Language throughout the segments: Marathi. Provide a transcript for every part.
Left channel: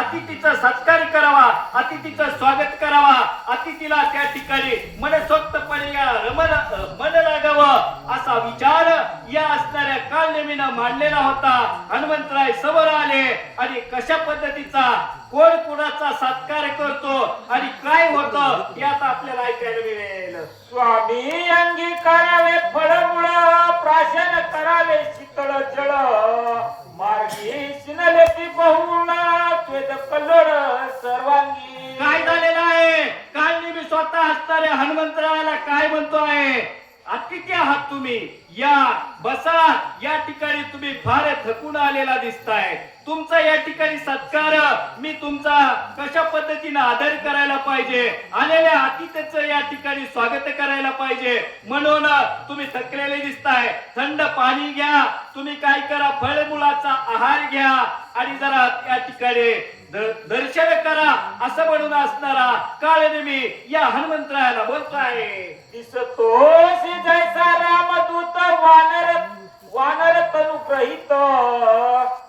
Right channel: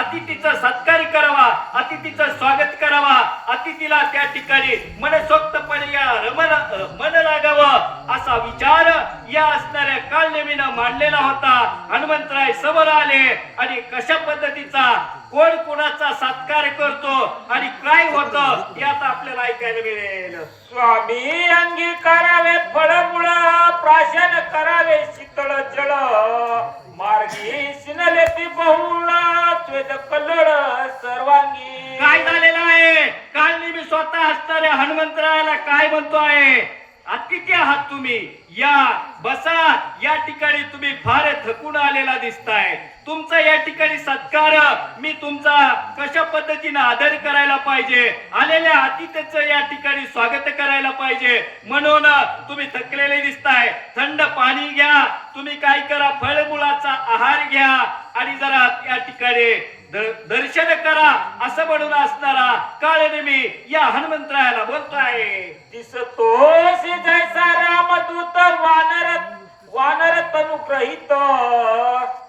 अतिथीचा सत्कार करावा अतिथीचं स्वागत करावा. अतिथीला त्या ठिकाणी मनसोक्तपणे या रमन मन लागावं असा विचार या असणाऱ्या कालनेमीनं मांडलेला होता. हनुमंतराय समोर आले आणि कशा पद्धतीचा कोण कोणाचा सत्कार करतो आणि काय होतं यात आपल्याला ऐकायला मिळेल. स्वामी अंगी करावे फळमुळ प्राशन करावे शीतळ जळ. मार्गी सिनले ती बहुळा. स्वेद कल्लोळ सर्वांगी. काय झालेलं आहे? काल मी स्वतः असणाऱ्या हनुमंतरायाला काय म्हणतो आहे? अतिथी आहात तुम्ही. या बसा या ठिकाणी तुम्ही फार थकून आलेला दिसताय. तुमचा या ठिकाणी सत्कार मी तुमचा कशा पद्धतीने आदर करायला पाहिजे? आलेल्या अतिथीचं या ठिकाणी स्वागत करायला पाहिजे. म्हणून तुम्ही थकलेले दिसताय. थंड पाणी घ्या. तुम्ही काय करा? फळमुलाचा आहार घ्या. आणि जरा या ठिकाणी दर्शन करा असं म्हणून असणारा काळनेमी या हनुमंतरायाला बोलतोय दिसतो जैसा रामदूत वानर वानर तनुग्रहित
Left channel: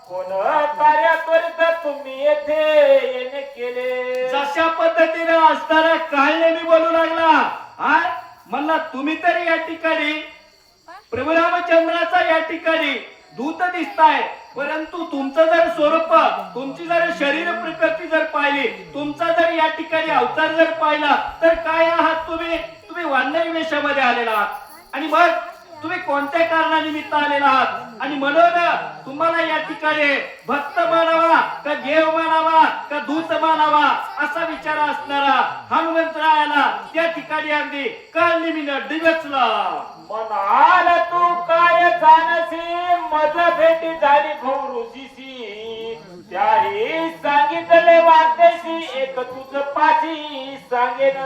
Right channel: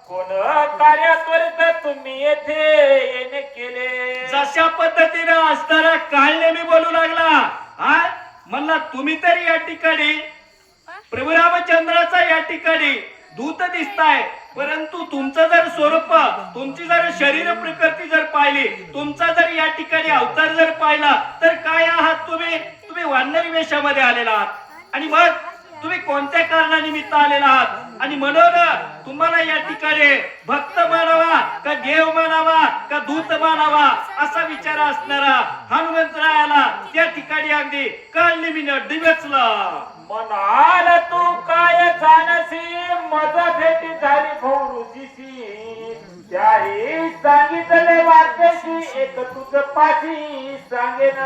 कोण कार्य त्वरित तुम्ही येथे येणे केले? जशा पद्धतीनं असणारा काळनेमी बोलू लागला. हा म्हणला तुम्ही तरी या ठिकाणी प्रभू रामचंद्राचा या ठिकाणी दूत दिसताय. परंतु तुमचं जर स्वरूप तुमची जर शरीर प्रकृती जर पाहिली तुमचा जर या ठिकाणी अवतार जर पाहिला तर काय आहात तुम्ही? तुम्ही वानरी वेशामध्ये आलेला आहात. आणि मग तुम्ही कोणत्या कारणानिमित्त आलेला आहात? आणि म्हणून तुम्हाला या ठिकाणी भक्त मानावा का देव मानावा का दूत मानावा असा विचार असणारा हनुमंतरायाला त्या ठिकाणी अगदी कळनिमीनं डिवेचलं म्हणाल तू काय झालं? मज भेटी झाली भौरुजीशी त्याही सांगितले वाक्याशी एक तुझ पाठी सांगेन.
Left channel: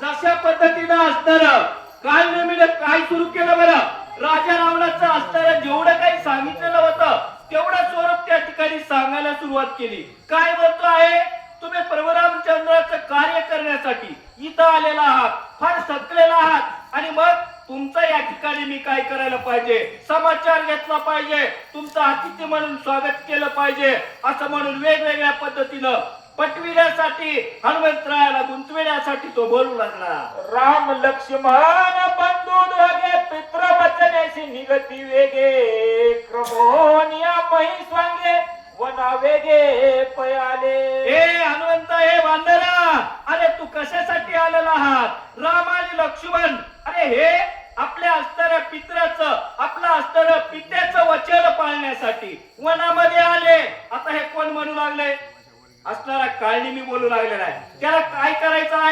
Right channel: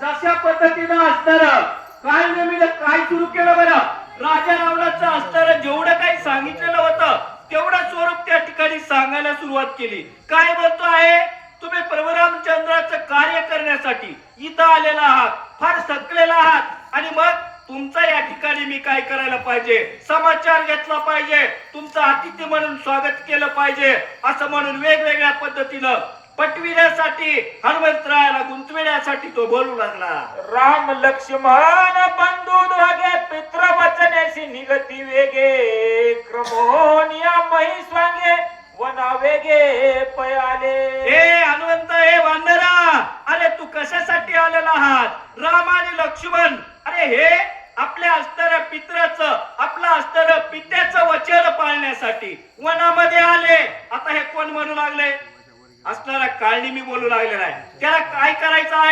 जशा पद्धतीनं असणार काय नवीन काय सुरू केलं बरं? राजा रावणाचं असणार जेवढं काही सांगितलेलं होतं तेवढं स्वरूप त्या ठिकाणी सांगायला सुरुवात केली. काय म्हणतो आहे? तुम्ही प्रभुरामचंद्राचं कार्य करण्यासाठी इथं आलेला आहात फार थकलेला आहात. आणि मग तुमचा या ठिकाणी मी काय करायला पाहिजे? समाचार घेतला पाहिजे. तुमचं अतिथी म्हणून स्वागत केलं पाहिजे. असं म्हणून वेगवेगळ्या पद्धतीनं पटविण्यासाठी हनुमंतरायाला गुंतविण्यासाठी तो बोलू लागला. राम लक्ष्मण बंधू दोघे पित्र वचनाशी निगती वेगे क्रमोनिया वना वेगे पयाले. हे हनुमंत हे वांदरा! अरे तू कशासाठी आलेला आहात? राम आणि लक्ष्मण! अरे हे पित्राच आपलं असणारं पित्याचं वचन पाळण्यासाठी वनामध्ये आले. आता हे कोण म्हणू लागले? असणारा काळणी मी बोलू लागलेला आहे. त्याला काय करायचं आहे?